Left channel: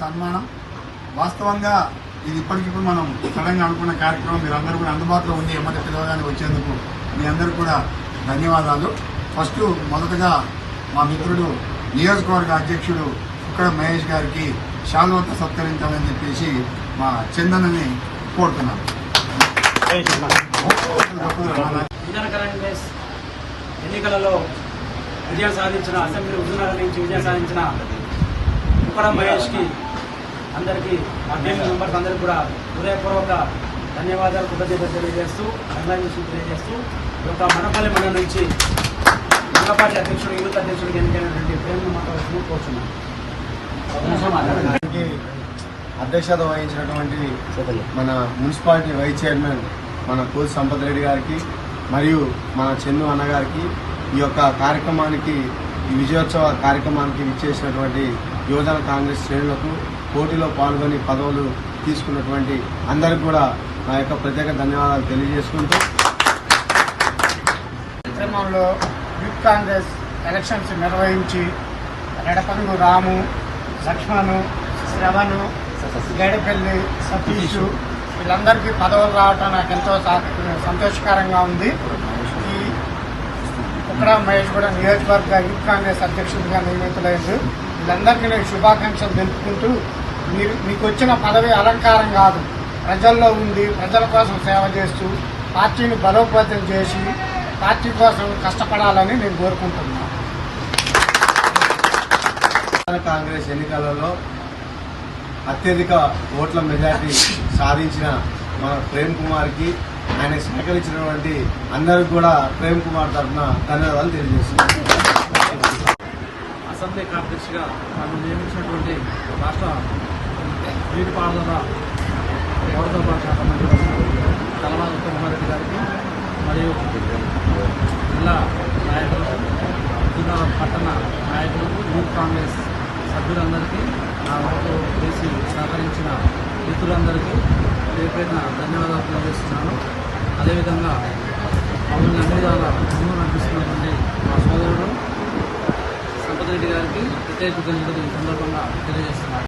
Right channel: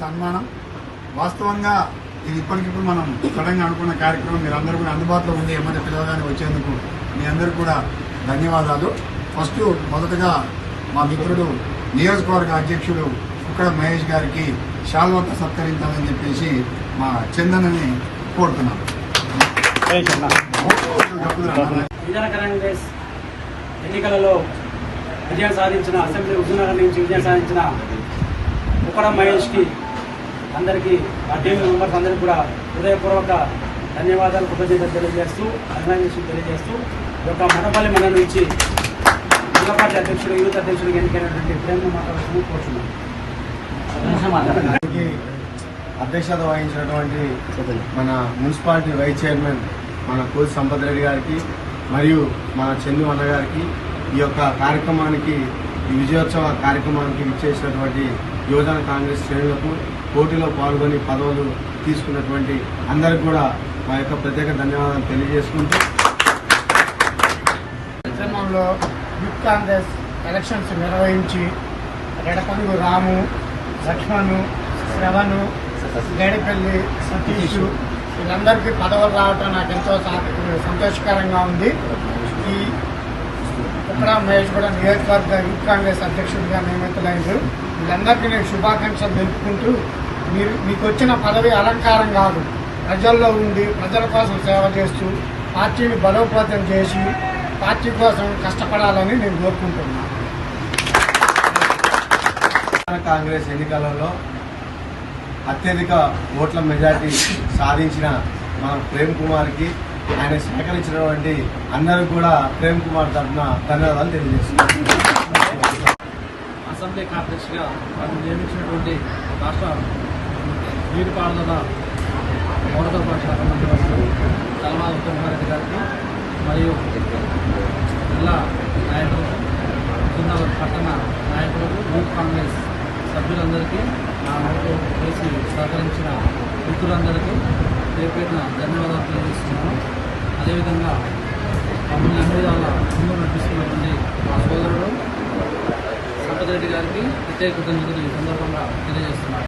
సన్మానం. వాస్తవంగా ఇది ఇప్పటికిప్పుడు మనం సడన్గా అనుకున్న కార్యక్రమం మీరు అందరూ కూడా అందుబాటులో ఉంది ఎమ్మటి పిలవగానే వచ్చేందుకు మీ అందరూ కూడా ధన్యవాదాలు. ఫస్ట్ మొదటగా మా మిత్రుడు నియోజకవర్గ అధ్యక్షుడు ఇక్కడ మహేష్ గారికి శాల్వత సత్కరించాలని చెప్పేసి మా చందనని కోరుతున్నాను. ఎన్నికలలో విజయం సాధించిన అసెంబ్లీ ఉద్యోగాల నుంచి విజయం సాధించిన ఉక్కడ మహేష్కి అందరికీ మా టీం మెంబర్స్ అందరికీ కూడా హృదయపూర్వక ధన్యవాదాలు కృతజ్ఞతలు తెలియజేస్తూ అభినందనలు తెలియజేస్తూ ఈ యొక్క మనపల్లి మన నుంచి జిల్లా పార్టీ అధ్యక్షుడు యూత్ అధ్యక్షుడు ఎన్నికైనటువంటి ప్రేమ మాట్లాడుతూ కోరుతున్నాను దానికి అధ్యక్షత వహించినటువంటి మన మున్సిపాలిటీ వైస్ చైర్మన్ మన కోసి సంపత్ రెడ్డి గారికి మరియు మన చెన్ను అన్న గారికి ఈ యొక్క కార్యక్రమానికి ఈ విజయోత్సవ కార్యక్రమానికి ఇచ్చేసినటువంటి యువజన కాంగ్రెస్ శ్రేణులకు పోటీలో పాల్గొని పదవులు తీసుకున్నటువంటి అందరికి కూడా నా యొక్క ప్రత్యేక ధన్యవాదాలు తెలియజేసుకుంటూ కార్యక్రమంలో యూత్ కాంగ్రెస్ ఎలక్షన్స్ నిర్వహించి రెడపల్లి రాము లక్ష్మణు శ్రవణు గైడపల్లి సతీష్ వీళ్ళందరికీ పదవులు రావటం నాకు ఎంతో సంతోషకరంగా ఉంది. ఈ ఇక్కడ మహేష్ కూడా నియోజకవర్గ యూత్ కాంగ్రెస్ అధ్యక్షుడిగా నియమితులైంది. వీళ్ళందరికీ నేను శుభాకాంక్షలు తెలుపుకుంటూ మీరు మీకు వచ్చిన పదవి అలంకారం కాదు. ప్రజల్లో ఉండి ప్రజల కోసం సేవ చేస్తూ పార్టీని బలోపేతం చేసి పార్టీ కోసం కష్టపడాలని నేను కోరుకుంటున్నాను కాంగ్రెస్ ఎన్నికలలో అత్యధిక ఓట్ల మెజార్టీ సాధించిన మన ప్రేమ్ కుమార్కి ఆయన సహకరించినటువంటి అందరికి కూడా ప్రేమ్ కుమార్ తరఫున ధన్యవాదాలు తెలియజేస్తున్నాను అసెంబ్లీ కాంప్లెక్స్గా మనం నియమించినటువంటి రాష్ట్ర నీటిపారుదల పౌరసరఫరా శాఖ మంత్రి కలవాల కుమారెడ్డి గారికి మరియు జిల్లా నాయకులు జిల్లా పట్టణ నాయకులకు యూత్ కాంగ్రెస్ సభ్యులందరికీ నా వరకు చేసి సహకరించిన మిత్రులందరికీ పేరు ధన్యవాదాలు తెలియజేస్తున్నాను. అదేవిధంగా మమ్మల్ని అన్ని విధాల ముందు నడిపిస్తున్నటువంటి మా సోదరుడు సంపత్ రెడ్డి గారికి ప్రత్యేక కృతజ్ఞతలు ఈ సందర్భంగా తెలియజేస్తున్నాను.